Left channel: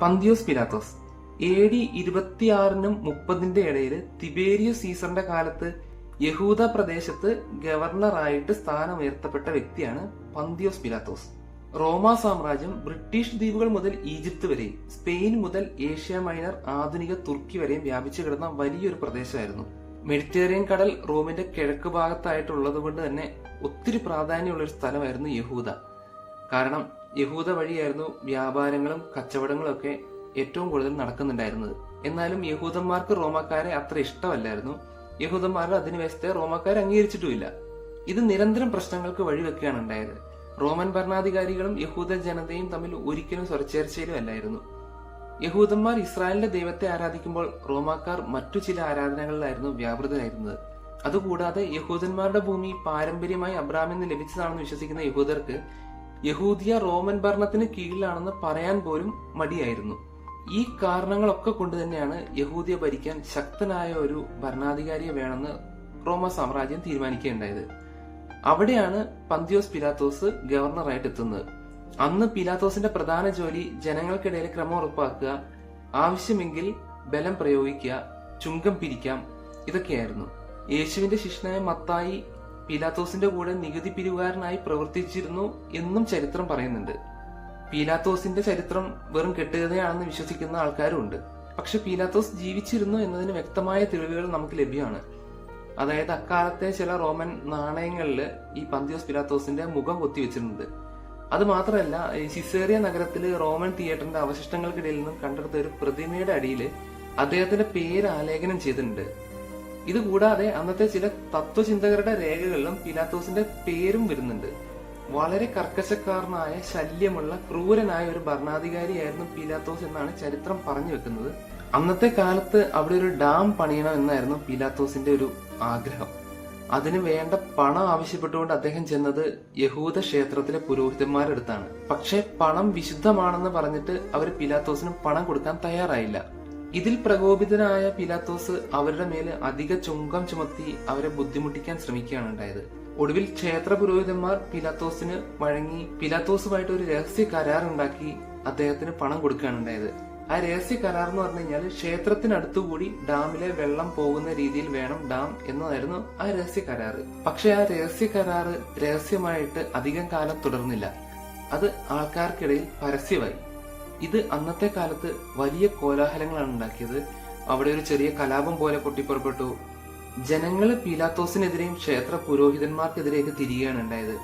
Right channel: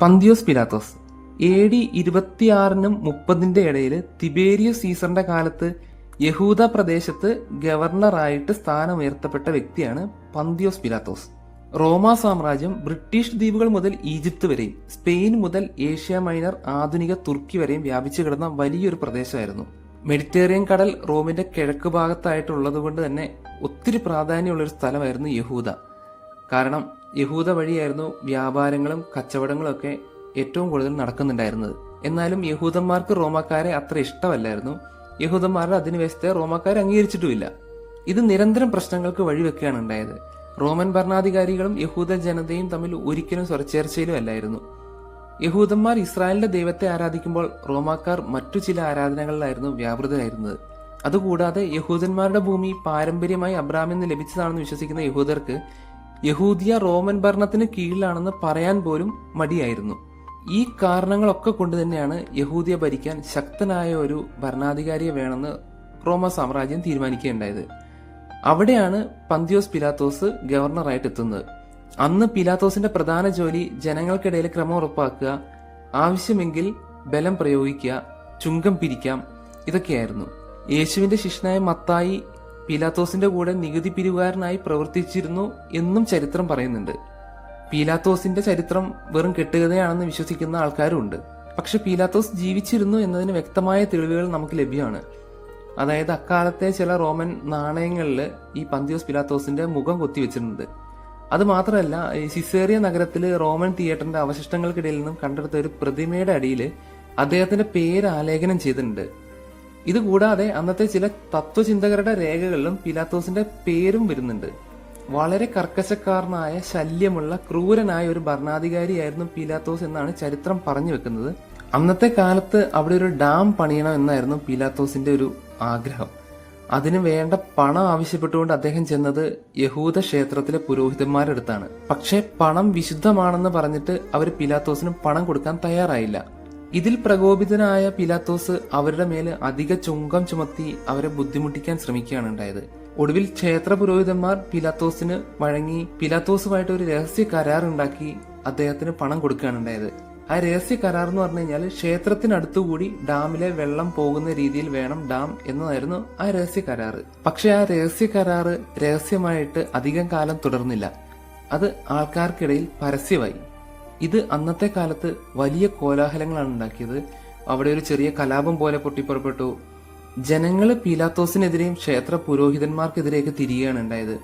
Pontius Pilathos. A D ഇരുപത്തിയാറിനും മുപ്പതിന്റെ ഇടയിൽ Tiberius സീസറിന്റെ കാലത്ത് യഹൂദ പ്രദേശത്ത് ഗവർണറായിട്ട് സ്ഥാനമുയർത്തപ്പെട്ട വ്യക്തിയാണ് പന്തിയോസ് പിലാത്തോസ്. റോമ സാമ്രാജ്യം ബ്രിട്ടീഷ് ദ്വീപുകൾ മുതൽ ഈജിപ്ത് വരെയും സ്പെയിൻ മുതൽ ഏഷ്യ മൈനർ ആധുനിക തുർക്കി വരെയും വ്യാപിച്ചു കിടന്ന വലിയൊരു പ്രദേശമായിരുന്നു. മെഡിറ്ററേനിയൻ കടൽ റോമിന്റെ കിഴക്ക് ഭാഗത്തായിട്ടുള്ളത് കൊണ്ട് തന്നെ ഒത്തിരി പ്രാധാന്യമുള്ള ഒരു സ്ഥലമായിരുന്നു യഹൂദ. കാരണം യഹൂദ വഴിയായിരുന്നു വ്യാപാരങ്ങളും കച്ചവടങ്ങളും ഒക്കെ ഏറ്റവും കൂടുതൽ നടക്കുന്നുണ്ടായിരുന്നത്. എന്നാലും യഹൂദന്മാർക്ക് റോമാക്കാരെ അത്ര ഇഷ്ടമല്ലായിരുന്നു. യഹൂദന്മാരുടെ അധിനിവേശത്തെ റോമാക്കാർ അംഗീകരിച്ചിട്ടുമില്ല. ഇത് നിരന്തരം പ്രശ്നങ്ങൾക്ക് വഴിവെക്കുകയാണ് ഉണ്ടായത്. റോമൻ ഭരണാധികാരികളും യഹൂദ ജനതയും തമ്മിൽ ഒരിക്കലും സ്വരച്ചേർച്ചയിലും അല്ലായിരുന്നു. യഹൂദന്മാർ ഇസ്രായേലിന്റെ ദൈവത്തെ ആരാധിക്കുമ്പോൾ റോമാക്കാർ മറ്റു ചില ആരാധനകളിലായിരുന്നു വ്യാപൃതരായിരുന്നത്. അതുകൂടാതെ യഹൂദന്മാരുടെ ഭൂമി പാരമ്പര്യമായി അബ്രാമിൽ നിന്ന് ലഭിച്ചതാണെന്ന് വിശ്വസിക്കുന്ന യഹൂദർക്ക് യഹൂദിയ റോമൻ ഭരണത്തിന് കീഴിലാണെന്ന് പറയാൻ പോലും മടിയായിരുന്നു. ഈ കാരണങ്ങളൊക്കെ കൊണ്ട് തന്നെയാണ് യഹൂദിയ ഭരിക്കാൻ ശക്തനായ ഒരു ഭരണാധികാരിയെ വേണമെന്ന് റോമ സാമ്രാജ്യം തീരുമാനിക്കുകയുണ്ടായത്. അവിടെയാണ് പന്തിയോസ് പിലാത്തോസ് ഗവർണറായിട്ട് എത്തുന്നത്. അന്ന് പിലാത്തോസിന്റെ പ്രധാന ജോലി ജനങ്ങൾക്കിടയിൽ ക്രമം ഉറപ്പാക്കുക ആവശ്യമെങ്കിൽ ബലം പ്രയോഗിക്കുക ചുങ്കം പിരിക്കാം ഇതൊക്കെയായിരുന്നു. യേശുവിന്റെ ശിഷ്യനായ മത്തായി പീലാത്തോസിന്റെ കൂടെ നികുതി പിരിവുകാരനായി പ്രവർത്തിച്ചിരുന്നു എന്നും ചരിത്രം പറയുന്നുണ്ട്. പീലാത്തോസിന്റെ ചരിത്രം വെറും കെട്ടുകഥയാണെന്ന് വിശ്വസിക്കുന്ന ആൾക്കാരുണ്ട് പക്ഷെ പീലാത്തോസ് ജീവിച്ചിരുന്നു എന്നതിന് വ്യക്തമായ തെളിവുകൾ നമുക്ക് ലഭ്യമാണ്. അതായത് അക്കാലത്തെ ചില റോമൻ നാണയങ്ങളിൽ ഈ പന്തിയോസ് പിലാത്തോസിന്റെ മുഖം കൊത്തിവെച്ചിട്ടുണ്ട്. അത് മാത്രമല്ല സിസേറിയ നഗരത്തിൽ റോമൻ തിയേറ്ററിന്റെ അവശിഷ്ടങ്ങൾക്കിടയിൽ നിന്നും കണ്ടെടുത്ത ഒരു പ്രതിമയുടെ അടിയിൽ അദ്ദേഹത്തിന്റെ പേര് ആലേഖനം ചെയ്തിട്ടുണ്ട്. ഇതുകൂടാതെ അന്നത്തെ ചില തത്വചിന്തകരുടെ രേഖകളിലും പിലാത്തോസിന്റെ പേരും വരുന്നുണ്ട്. വളരെ കർക്കശക്കാരനായ ശല്യമുള്ള ക്രൂരനായ ഒരു ഭരണാധികാരിയായിരുന്നു പീലാത്തോസ് എന്നാണ് ചരിത്രം പറഞ്ഞു വെക്കുന്നത്. അന്നത്തെ കാലത്ത് അവിടെ ഒരു ഡാം പണിയണം എന്നായിരുന്നു പീലാത്തോസിന്റെ ഒരു ആഗ്രഹം. അതിന് വേണ്ട പണം ആവശ്യപ്പെട്ടുകൊണ്ട് അദ്ദേഹം ചെന്നത് യഹൂദ ക്ഷേത്രത്തിലെ പുരോഹിതന്മാരുടെ അടുത്താണ്. പക്ഷേ പണം വിശുദ്ധമാണെന്ന് പറഞ്ഞിട്ട് അവർ പിലാത്തോസിന് പണം കൊടുക്കാൻ തയ്യാറായില്ല. ഇതിൽ പ്രകോപിതനായ പിലാത്തോസ് അവരുടെ മേൽ അധിക ചുങ്കം ചുമത്തി അവരെ ബുദ്ധിമുട്ടിക്കാൻ ശ്രമിക്കുകയാണ് ഉണ്ടായത്. ഒടുവിൽ ക്ഷേത്ര പുരോഹിതന്മാർ പിലാത്തോസിന് വഴങ്ങി പിലാത്തോസുമായിട്ട് ഒരു രഹസ്യ കരാർ ഉണ്ടാക്കി അദ്ദേഹത്തിന് പണം കൊടുക്കുകയാണ് ഉണ്ടായത്. ആ രഹസ്യ കരാർ എന്ന് പറഞ്ഞു കഴിഞ്ഞാൽ ക്ഷേത്രത്തിനടുത്തുകൂടി ഡാമിലെ വെള്ളം പോകുന്ന രീതിയിൽ വേണം ഡാം എന്നതായിരുന്നു ആ രഹസ്യ കരാർ. പക്ഷെ ആ രഹസ്യ കരാറ് രഹസ്യമായിട്ട് അധികം കാലം തുടർന്നില്ല. അത് ആൾക്കാർക്കിടയിൽ പരസ്യമായി. ഇത് അന്നത്തെ കാലത്ത് വലിയ കോലാഹലങ്ങളാണ് ഉണ്ടാക്കിയത്. അവിടെ ഒരു ചെറിയ കലാപം പോലെ പൊട്ടിപ്പുറപ്പെട്ടു. ജനങ്ങൾ പീലാത്തോസിനെതിരെയും ക്ഷേത്ര പുരോഹിതന്മാർക്കെതിരെയൊക്കെ തിരികെയാണ് ഉണ്ടായത്.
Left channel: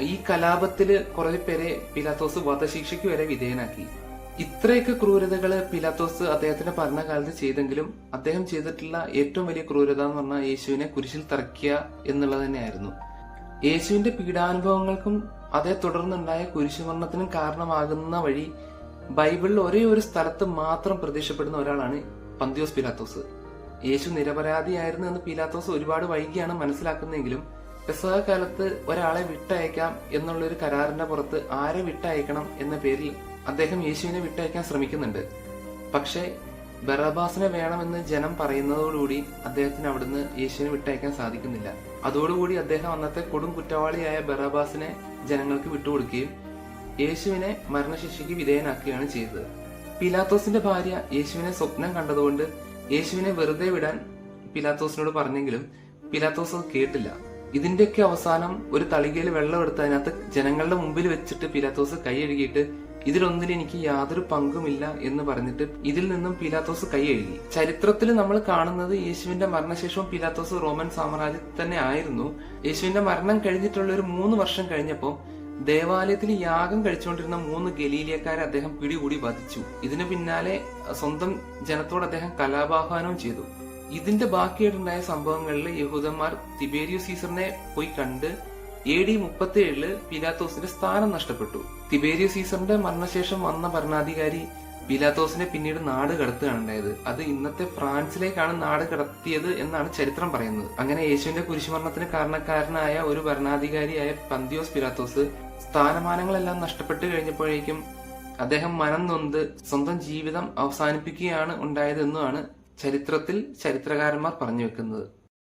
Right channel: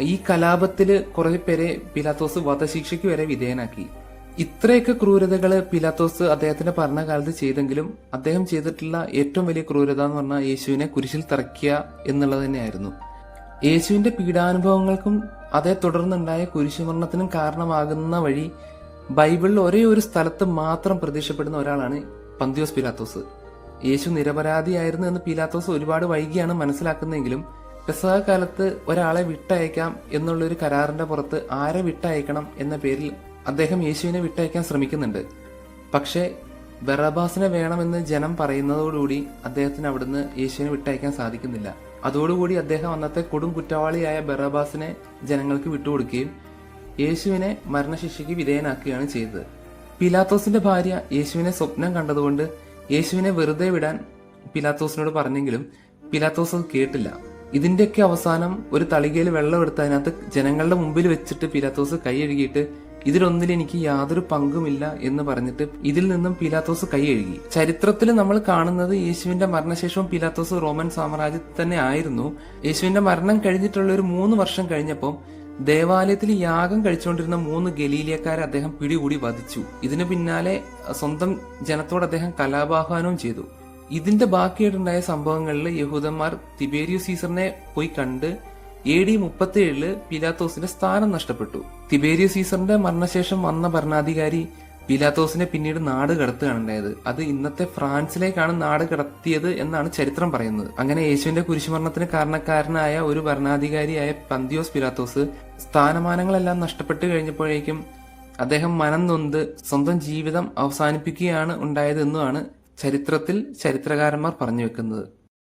ഈ കലാപത്തിൽ കുറെ പേരെ പീലാത്തോസ് വധശിക്ഷയ്ക്ക് വരെ വിധേയനാക്കി. ഇത്രയൊക്കെ ക്രൂരതകൾ പിലാത്തോസ് അദ്ദേഹത്തിന്റെ ഭരണകാലത്ത് ചെയ്തെങ്കിലും അദ്ദേഹം ചെയ്തിട്ടുള്ള ഏറ്റവും വലിയ ക്രൂരത എന്ന് പറഞ്ഞാൽ യേശുവിനെ കുരിശിൽ തറയ്ക്കുക എന്നുള്ളത് തന്നെയായിരുന്നു. യേശുവിന്റെ പീഡാനുഭവങ്ങൾക്കും അതേ തുടർന്നുണ്ടായ കുരിശുമരണത്തിനും കാരണമാകുന്ന വഴി ബൈബിളിൽ ഒരേ ഒരു സ്ഥലത്ത് മാത്രം പ്രത്യക്ഷപ്പെടുന്ന ഒരാളാണ് പന്തിയോസ് പിലാത്തോസ്. യേശു നിരപരാധിയായിരുന്നു എന്ന് പിലാത്തോസ് ഒരുപാട് വൈകിയാണ് മനസ്സിലാക്കുന്നതെങ്കിലും പെസഹ കാലത്ത് ഒരാളെ വിട്ടയക്കാം എന്നുള്ള ഒരു കരാറിന്റെ പുറത്ത് ആരെ വിട്ടയക്കണം എന്ന പേരിൽ അദ്ദേഹം യേശുവിനെ വിട്ടയക്കാൻ ശ്രമിക്കുന്നുണ്ട്. പക്ഷേ ബറബാസിനെ വേണമെന്ന് ജനം പറയുന്നതോടുകൂടി അദ്ദേഹത്തിന് അവിടുന്ന് യേശുവിനെ വിട്ടയക്കാൻ സാധിക്കുന്നില്ല. അതോടുകൂടി അദ്ദേഹം അന്നത്തെ കൊടും കുറ്റവാളിയായ ബറബാസിനെ ജനങ്ങൾക്ക് വിട്ടുകൊടുക്കുകയും യേശുവിനെ മരണശിക്ഷയ്ക്ക് വിധേയനാക്കുകയാണ് ചെയ്തത്. പിലാത്തോസിന്റെ ഭാര്യ യേശുവിനെ സ്വപ്നം കണ്ടതുകൊണ്ട് യേശുവിനെ വെറുതെ വിടാൻ പിലാത്തോസിനോട് പറഞ്ഞെങ്കിലും പിലാത്തോസ് അത് കേട്ടില്ല. ഇതിന്റെയൊക്കെ അവസാനം ഒരു തളികയിൽ വെള്ളം എടുത്ത് അതിനകത്ത് ജനങ്ങളുടെ മുമ്പിൽ വെച്ചിട്ട് പിലാത്തോസ് കൈ കഴുകിയിട്ട് ഇതിലൊന്നിൽ എനിക്ക് യാതൊരു പങ്കുമില്ല എന്ന് പറഞ്ഞിട്ട് ഇതിൽ നിന്നും പിലാത്തോസ് കൈ കഴുകി. ചരിത്രത്തിൽ നമ്മൾ കാണുന്നത് യേശുവിന്റെ മരണശേഷവും പിലാത്തോസ് റോമൻ സാമ്രാജ്യത്തിൽ തന്നെ ആയിരുന്നു. യേശുവിന്റെ മരണം കഴിഞ്ഞിട്ടുള്ള ഒരു മൂന്ന് വർഷം കഴിഞ്ഞപ്പോൾ ദേവാലയത്തിൽ യാഗം കഴിച്ചുകൊണ്ടിരുന്ന മൂന്ന് ഗലീലിയക്കാരെ അദ്ദേഹം പിടികൂടി വധിച്ചു. ഇതിനു പിന്നാലെ സ്വന്തം ജനത്തോട് അദ്ദേഹം കലാപാഹ്വാനവും ചെയ്തു. ഇതിന്റെ ബാക്കിയായിട്ടുണ്ടായ സംഭവങ്ങളിൽ യഹൂദന്മാർ തിബേരിയു സീസറിനെ പോയി കണ്ട് എ ഡി മുപ്പത്തി ഏഴിൽ പിലാത്തോസിന്റെ സ്ഥാനം നഷ്ടപ്പെട്ടു. തിബേരിയു സീസറിന്റെ മരണശേഷം വന്ന ഭരണാധികാരി പിലാത്തോസിനെ പിന്നീട് നാട് കടത്തുകയാണ് ഉണ്ടായത് അത് ഇന്നത്തെ ഫ്രാൻസിലേക്കാണ് നാട് കടത്തിയത് എന്നാണ് ചരിത്രം പറയുന്നത്. അങ്ങനെ യേശുവിന്റെ കുരിശുമരണത്തിന് കാരണക്കാരനായ ഒരു ഭരണാധികാരിയായ പന്തിയോസ് പിലാത്തോസ് സ്ഥാനമാനങ്ങളെല്ലാം നഷ്ടപ്പെട്ടു കഴിഞ്ഞപ്പോഴേക്കും അദ്ദേഹം മനം നൊന്ത് സ്വന്തം ജീവിതം അവസാനിപ്പിക്കുകയാണ് ഉണ്ടായത് എന്നുമാണ് ചരിത്രത്തിൽ ചരിത്രകാരന്മാർ പറഞ്ഞു വെക്കുന്നത്.